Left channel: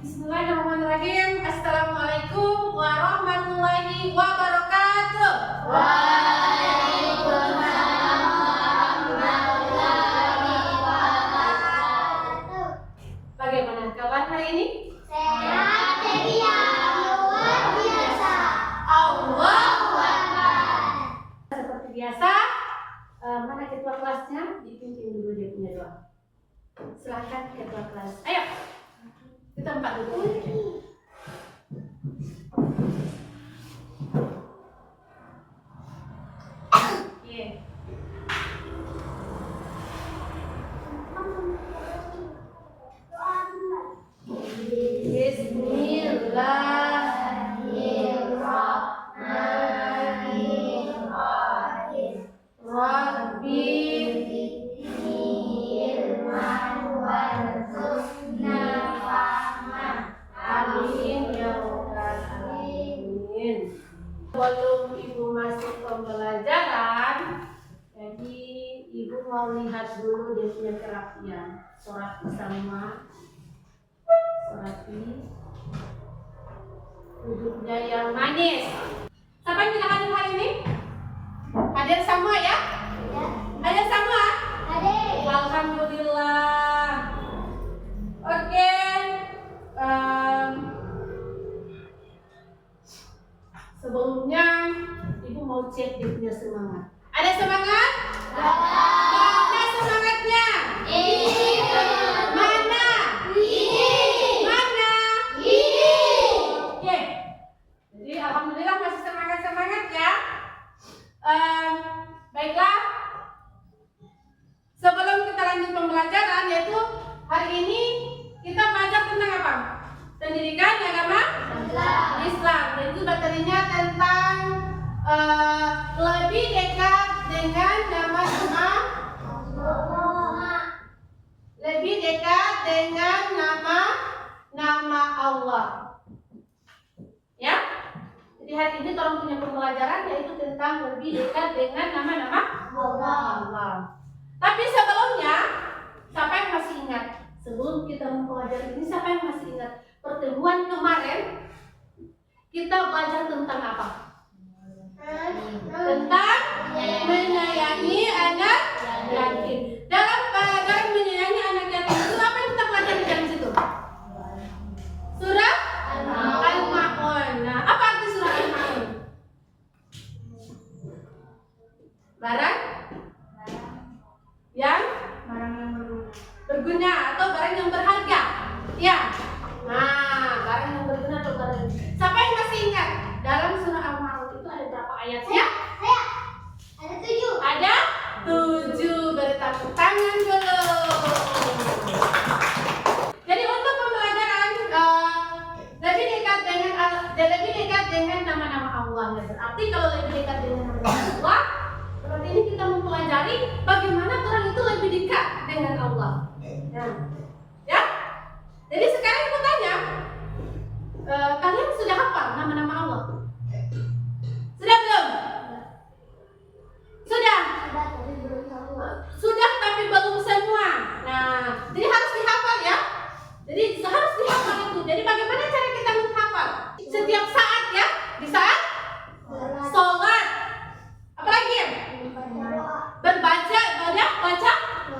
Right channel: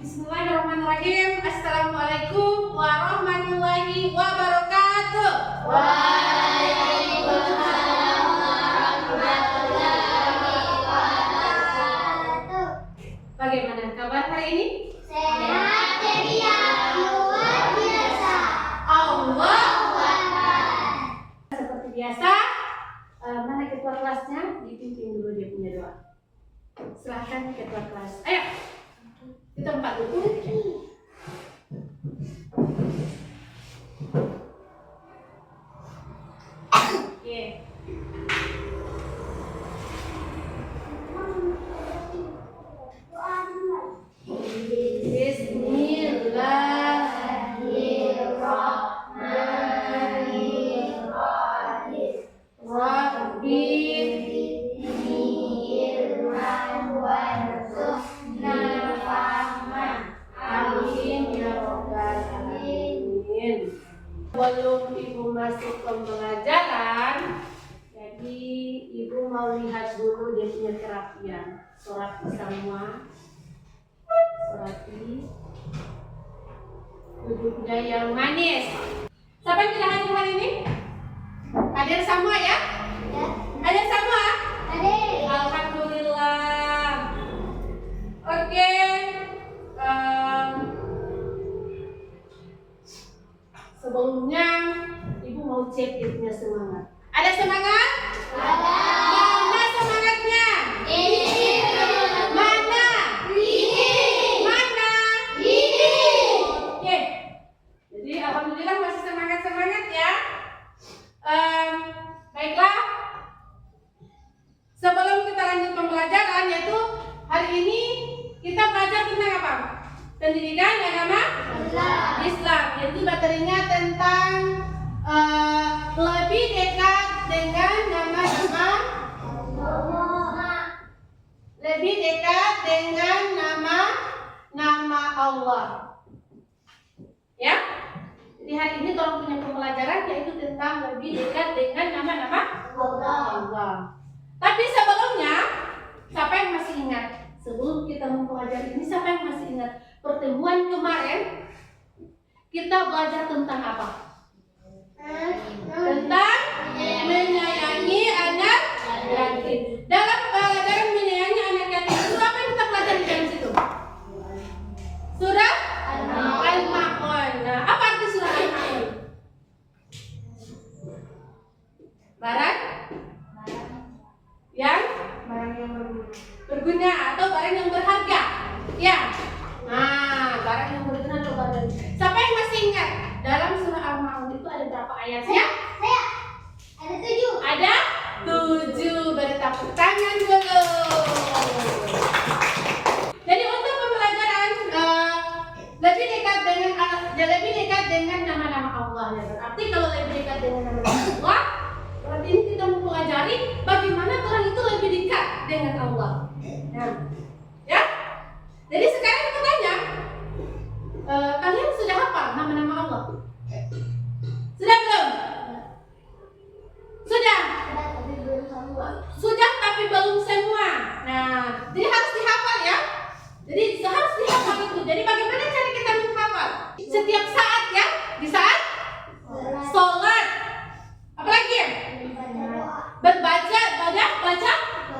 Bismillahirrahmanirrahim. Assalamualaikum warahmatullahi wabarakatuh. Waalaikumsalam warahmatullahi wabarakatuh. Bagaimana kabar hari ini? Sehat ceria, luar biasa. Allahu Akbar. Seperti biasa, mana ketua kelasnya? Dipimpin dulu dia punya doa. Silahkan ketua kelas. Ayo, kita empat dulu. Oke. Bismillahirrahmanirrahim. Rabbi Amin ya Rabbal Alamin. Sebelum Ibu masuk pembelajaran, jadi Ibu mau lihat dulu dia punya kerapian. Surat semua, surati duduknya yang manis. Siapa yang tidak hadir hari ini? Hadir semua ya? Hadir semua? Hadir. Alhamdulillah. Oke. Sebelumnya Ibu mau cek dia punya semangat. Ada semangat? Ada. Mana semangatnya? Ini. Mana? Ini. Mana? Ini. Oke. Jadi alhamdulillah masih semangat ya. Baiklah. Sebelum kita lanjut pembelajaran, yaitu hari ini kita belajar tentang apa? Pendidikan agama Islam. Jadi materinya tentang lebih dekat dengan nama-nama, lebih dekat dengan nama Allah. Ya. Jadi hari ini tolong punya pembelajaran yaitu tentang lebih dekat dengan nama-nama Allah. Tapi sebelumnya, siapa yang masih ingat? Sebelum kita mempelajari ini, siapa yang masih ingat? Pertemuan kemarin kita belajar tentang apa? Tentang menyayangi anak yatim. Dalam pelajaran menyayangi anak yatim itu apa yang kita pelajari di situ? Surah Al-Ma'un. Nah, apa arti surah Al-Ma'un? Barang yang berguna atau barang yang berharga. Ya. Nah, barang yang berguna atau barang. Siapa yang masih ingat? Dalam surah Al-Ma'un itu ada berapa ayatnya? Ada 7. Ada 7. Beri tepuk tangan dulu. Jadi untuk pembelajaran lebih dekat dengan nama-nama Allah ya. Berarti kalau lebih dekat dengan nama-nama Allah, berarti ini kita mempelajari bagaimana orang itu lebih dekat dengan Allah. Nah, ya. Jadi sekarang aku tanya, kalian sudah hafal nama-nama Allah? Sudah belum? Sudah? Sudah tapi belum semua. Nah, jadi harus dihafal ya. Jadi harus dihafal itu. Jadi bagaimana cara kita menghafal? Setiap saat ya, di saat sholat. Apalagi? Baca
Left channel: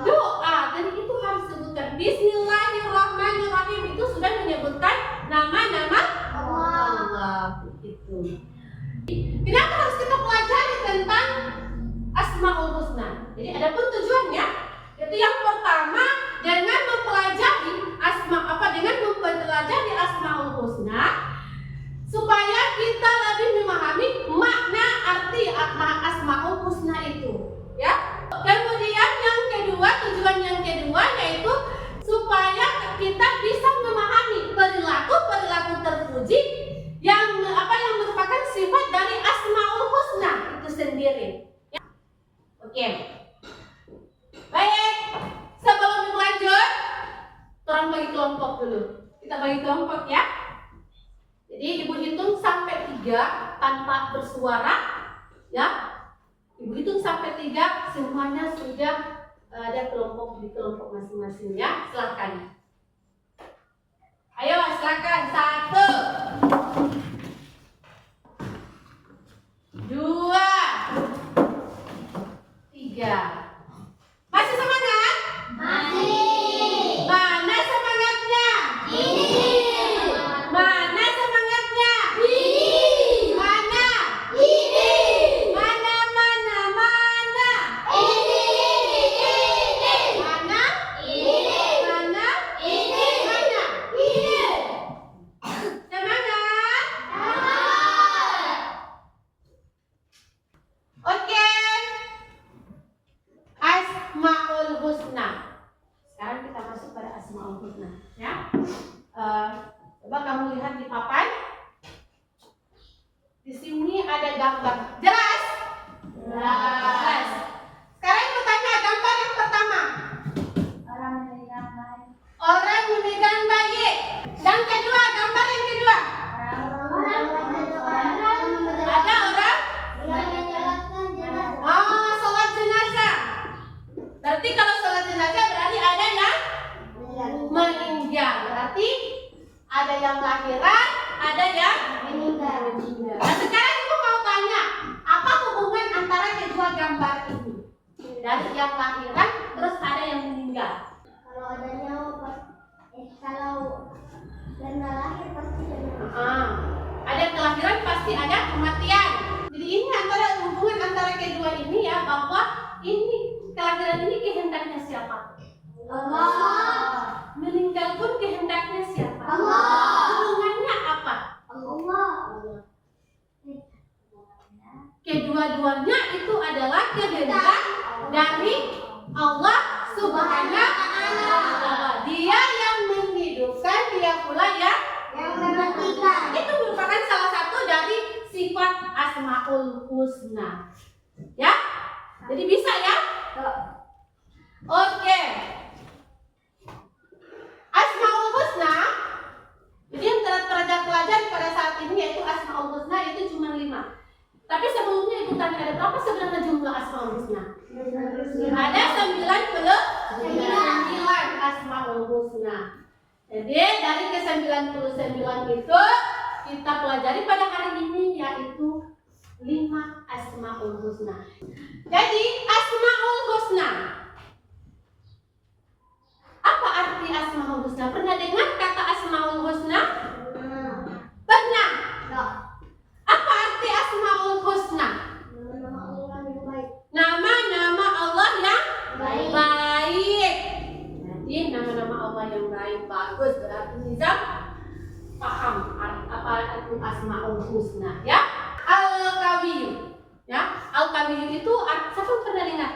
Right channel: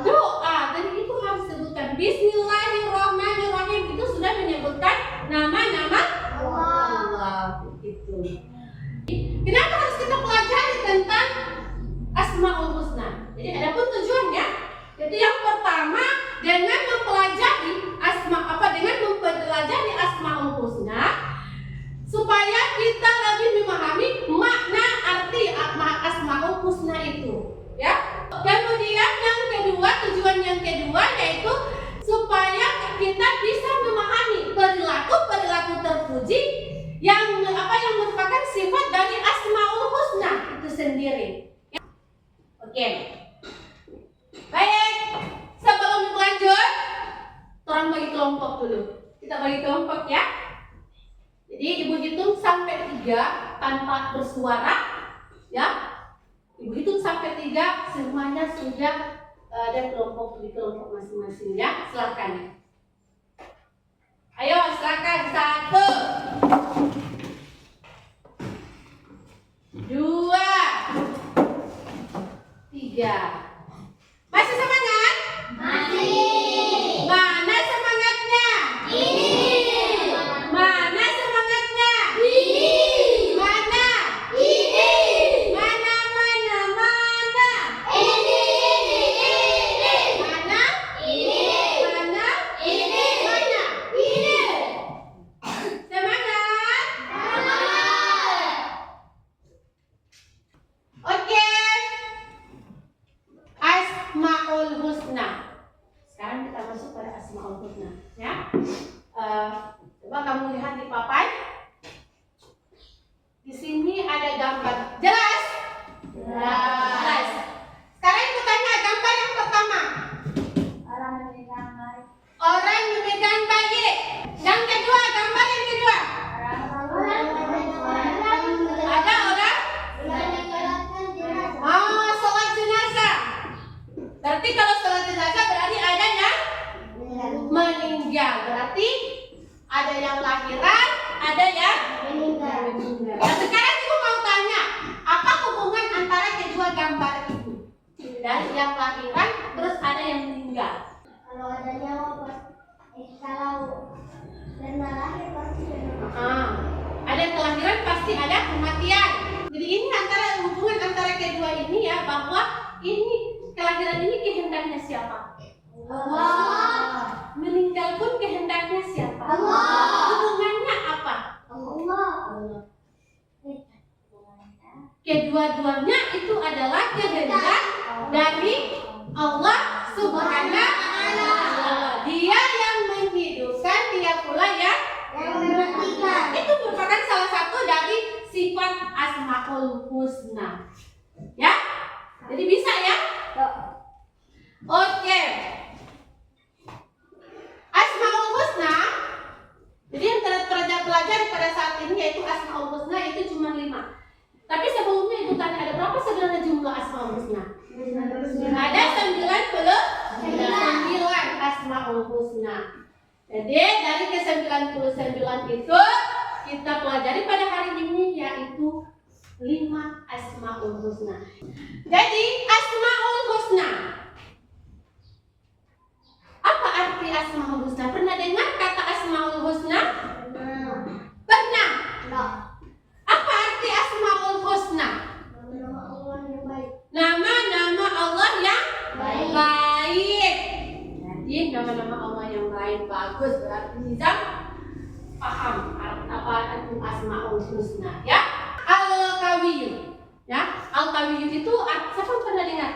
doa. Dan itu harus sebutkan Bismillahirrahmanirrahim. Itu sudah menyebutkan nama-nama Allah. Itu. Kenapa harus kita pelajari tentang Asmaul Husna? Jadi ada pun tujuannya. Jadi yang pertama dengan mempelajari Asmaul Husna supaya kita lebih memahami makna arti Asmaul Husna itu, ya. Kemudian yang kedua, tujuan yang kedua yaitu supaya kita bisa memahami perilaku terpuji yang merupakan sifat dari Asmaul Husna itu sendiri. Ya. Oke. Baik. Sebelum lanjut, orang bagi kelompok dulu. Kita bagi kelompok ya. Jadi Ibu hitung sampai 3 tanpa bersuara, ya. Ibu hitung sampai 3, semuanya sudah ada kelompok di kelompok masing-masing ya. Silakan. Ayo silakan. Coba kamu lihat di papan. Di sini ada gambar. Jelas? Jelas. Sekarang ibu tanya gambar yang pertama. Orang memegang bayi. Yang kedua, gambar yang kedua. Ada orang? Oh, sholat jenazah. Berarti kalau sholat jenazah berarti ada yang meninggal. Berarti ada yang lahiran, ada yang meninggal. Nah, sekarang ibu mau tanya, apa hubungan antara kedua gambar ini? Dari yang lahiran, terus ada yang meninggal. Kalau ada nyawa kalau pernah lahir pasti Ada kelahiran pasti ada kematian. Jadi ini antara hubungan antara kedua ini ya, bahwa ini kelahiran ini kehendaknya siapa? Allah. Meninggal pun kehendaknya siapa? Allah. Hubungannya apa? Allah. Kedua-duanya itu adalah kehendak dari Allah Subhanahu wa Ta'ala. Dia yang menghidupkan, dia pula yang mematikan. Itu merupakan salah satu dari sifat Asmaul Husna. Ya? Jadi bisa ya? Oke. Asmaul Husna. Jadi yang terpelajari pada saat ini yaitu Asmaul Husna itu cuma 5. Tapi sebelumnya ibu tanya, ada berapa sebenarnya jumlah Asmaul Husna? Ada 99 Asmaul Husna. Jadi dari ke-99 itu kita pelajari pada hari ini yaitu 5 Asmaul Husna. Jadi Asmaul Husna, apa arti Asmaul Husna? Pernah dengar kata Asmaul Husna? Pernah? Apa arti Asmaul Husna? Nama-nama Allah yang baik. Jadi nama-nama Allah yang baik, bagus. Berarti Nizam paham apa arti Asmaul Husna ya? Al-Qawiyyu. Ya, Al-Qawiyyu itu siapa pernah dengar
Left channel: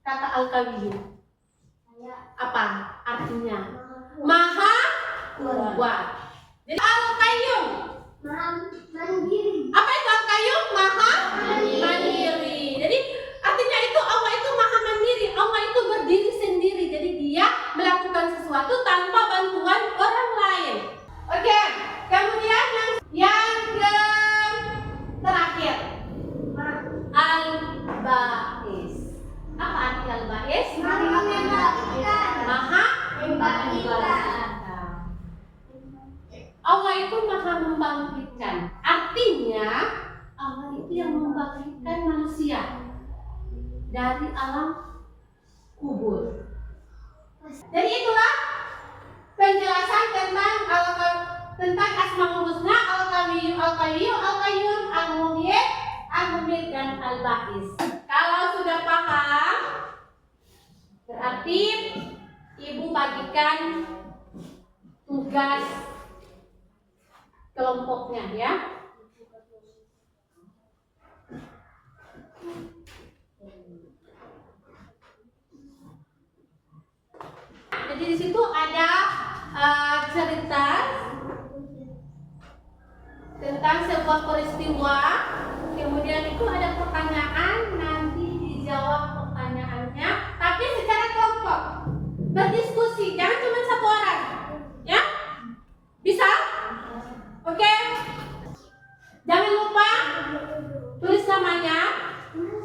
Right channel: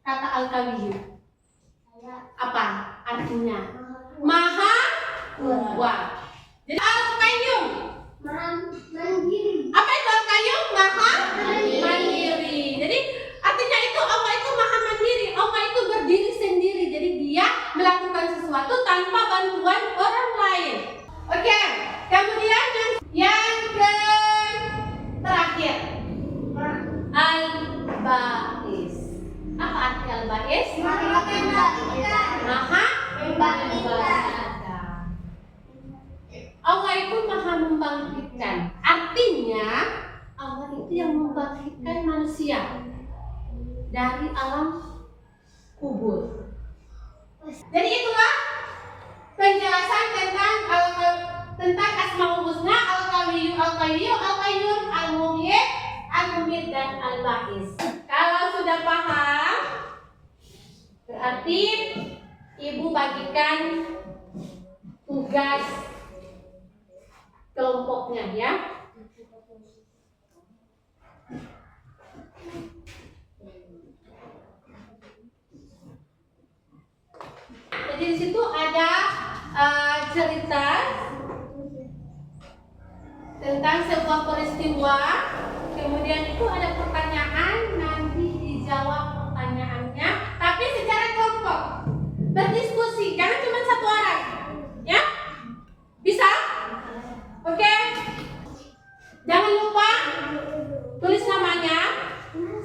kata Al-Qawiyyu? Apa artinya? Maha kuat. Jadi Al-Qayyum. Mandiri. Apa itu Al-Qayyum? Maha mandiri. Jadi artinya itu Allah itu maha mandiri. Allah itu berdiri sendiri. Jadi dia melakukan sesuatu tanpa bantuan orang lain. Oke. Kemudian yang terakhir, Al-Ba'is. Apa arti Al-Ba'is? Maha membangkitkan. Allah itu maha membangkitkan. Artinya Allah itu yang membangkitkan manusia dari alam kubur. Jadi itulah penjelasan tentang Asmaul Husna, Al-Qawiyyu, Al-Qayyum, Al-Muhyi, Al-Mumit, dan Al-Ba'is. Kalau sudah paham, berarti ibu bagikan tugas kelompoknya ya. Jadi di situ ada cerita tentang sebuah peristiwa, kemudian itu ada pertanyaan, nanti dijawab pertanyaannya, tapi secara kelompok, berdiskusi, jangan cuma satu orang, ya? Bisa? Oke? Jangan lupa tulis namanya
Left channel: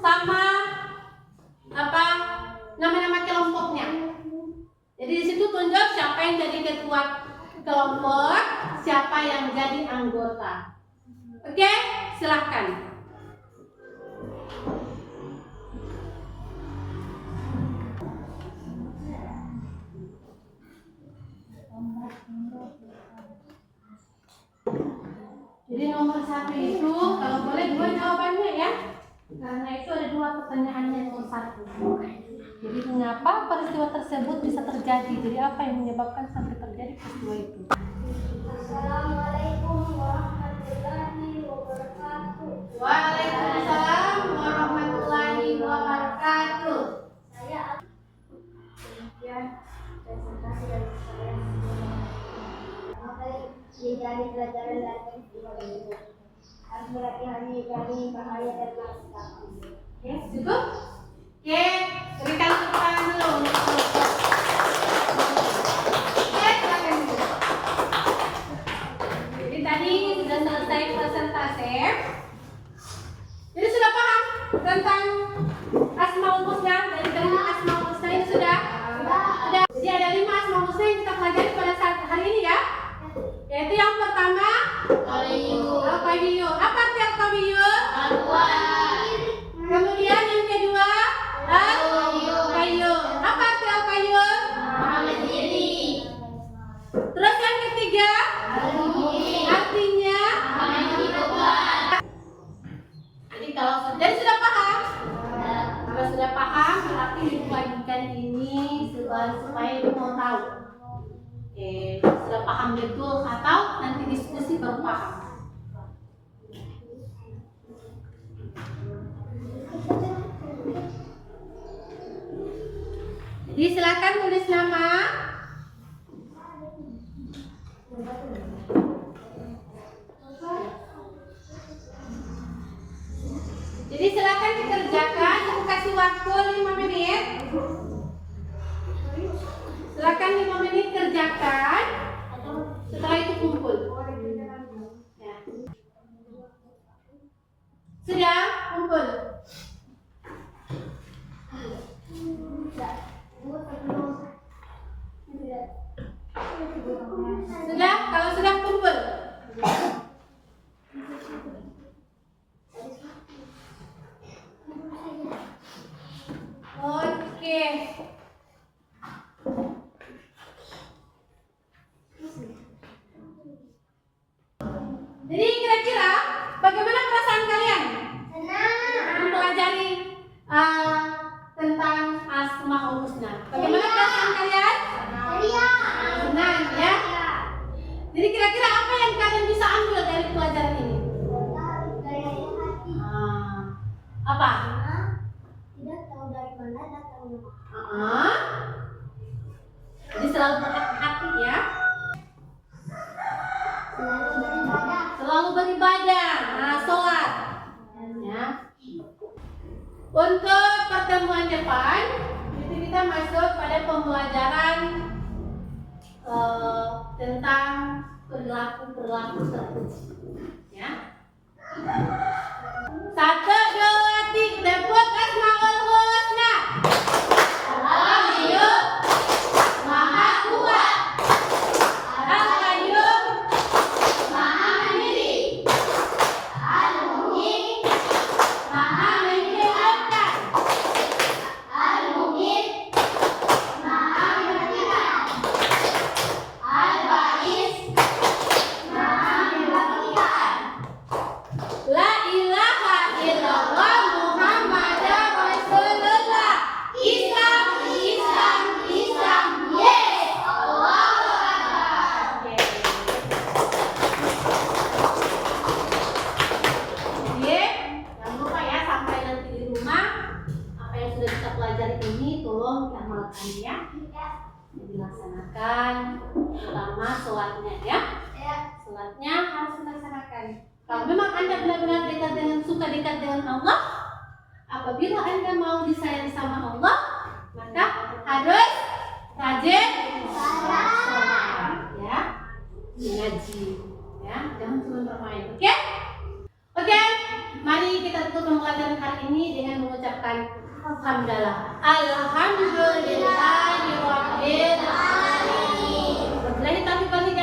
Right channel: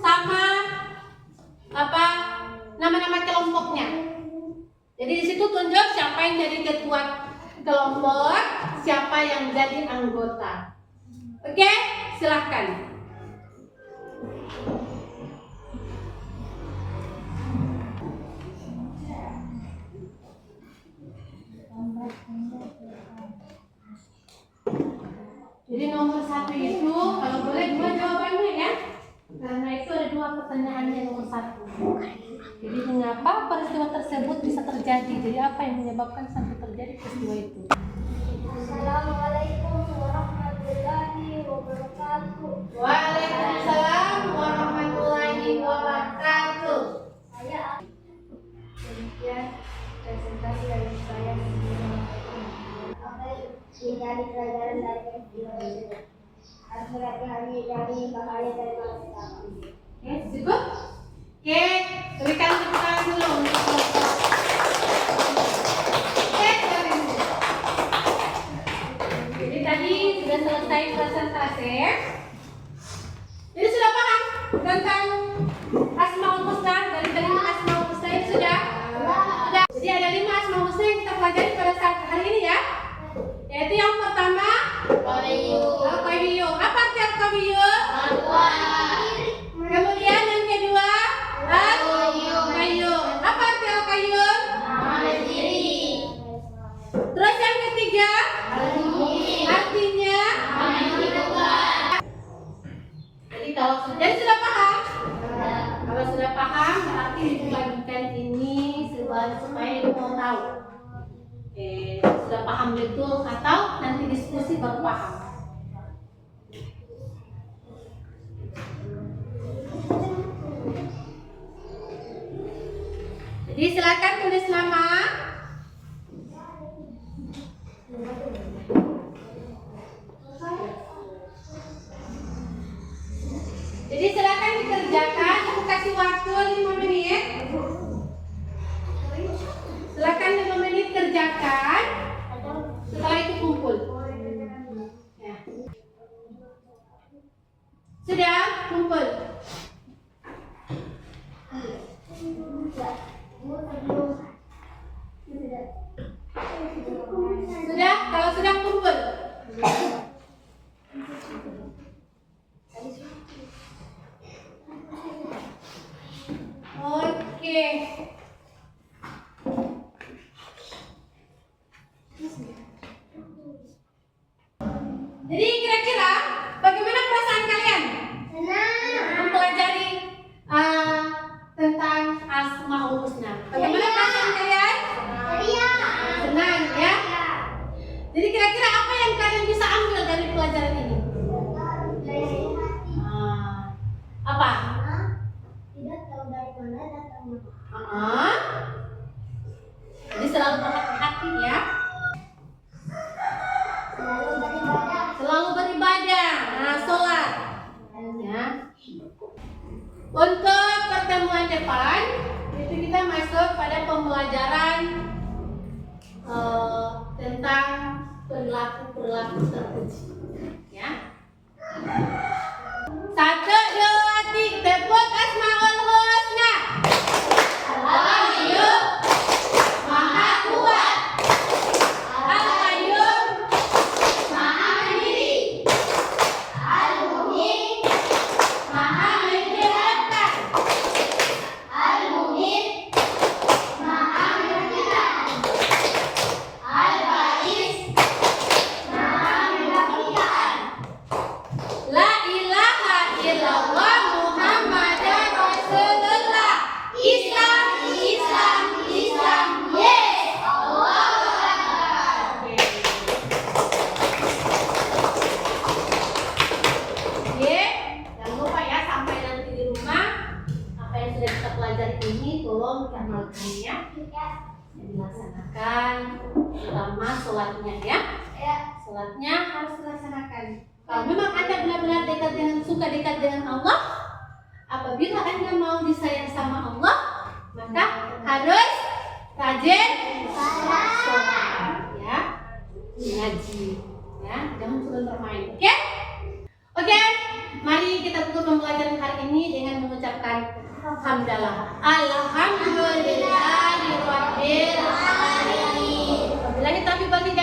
sama nama-nama kelompoknya. Jadi di situ tunjuk siapa yang jadi ketua kelompok, siapa yang jadi anggota. Oke, silahkan. Jadi nomor 1 itu kalau boleh 2 jawabannya ya. Karena itu ada 2 pertanyaannya nomor 1. Jadi mengapa peristiwa tersebut bisa terjadi? Jadi apa yang menyebabkan sampai terjadi peristiwa itu? Assalamualaikum warahmatullahi wabarakatuh. Waalaikumsalam warahmatullahi wabarakatuh. Saya demikian presentasi dari saya. Dari pelajaran dari peristiwa ini. Harus berhati-hati dari bahaya dari manusia. Oke, cukup? Oke, berikan tepuk tangan dulu untuk kelompok. Oke, silakan. Jadi tadi sudah selesai presentasi. Jadi sudah paham tentang Asmaul Husna, dari 5 Asmaul Husna ini sudah? Sudah. Jadi ada 5 Asmaul Husna yang kita pelajari pada saat hari ini ya. Yaitu yang pertama Al-Qawiyyu. Apa arti Al-Qawiyyu? Kemudian yang kedua Al-Qayyu. Apa arti Al-Qayyu? Terus yang ketiga artinya jadi sudah paham? Kalau sudah paham berarti dibagikan ini supaya ibu mau tahu. Oke, sudah paham betul atau nanti diskusi baru paham? Jadi silakan tulis nama. Jadi silakan dikerjakan, ibu kasih waktu 5 menit. Silakan 5 menit kerjakan. Setelah itu kumpul. Ya. Sudah kumpul. Sudah, kalau sudah kumpul. Oke. Jadi kira-kira bagaimana perasaan kalian mempelajari tentang Asmaul Husna? Bagaimana perasaan kalian? Senang ya? Jadi kira-kira apa yang kalian bisa ambil dari pelajaran ini? Apa? Tidak tahu dari mana datangnya. Jadi selalu berhati-hati ya. Selalu beribadah. Nah, sholat. Ya. Untuk pertemuan depan itu kita masuk pada pembelajaran tentang perilaku terpuji. Ya. 1, 2, 3 tepuk Asmaul Husna. Al-Qayyu Maha Kuat, Al-Qayyum Maha Mandiri, Al-Muhyi Maha Menciptakan, Al-Muhyi Maha Menentukan, Al-Ba'is Maha Membangkitkan. La ilaha illallah Muhammadar Rasulullah. Islam, Islam, Islam. Yes. Allahu Akbar. Oke, jangan lupa ya sampai nanti di rumah apa yang sudah kita pelajari ini tolong diamalkan ya. Jadi laksanakan, terutama sholatnya ya. Sholatnya harus dilaksanakan. Kalau memang Anda benar-benar suka dekat dengan Allah, apabila Anda mau disayang sama Allah, maka harus rajin sholat, ya, ngaji, ya, jangan cuma bermain, oke? Oke, mari kita tutup pembelajaran hari ini dengan mengucapkan alhamdulillah, alhamdulillahirobbilalamin. Wabillahi taufiq wal hidayah.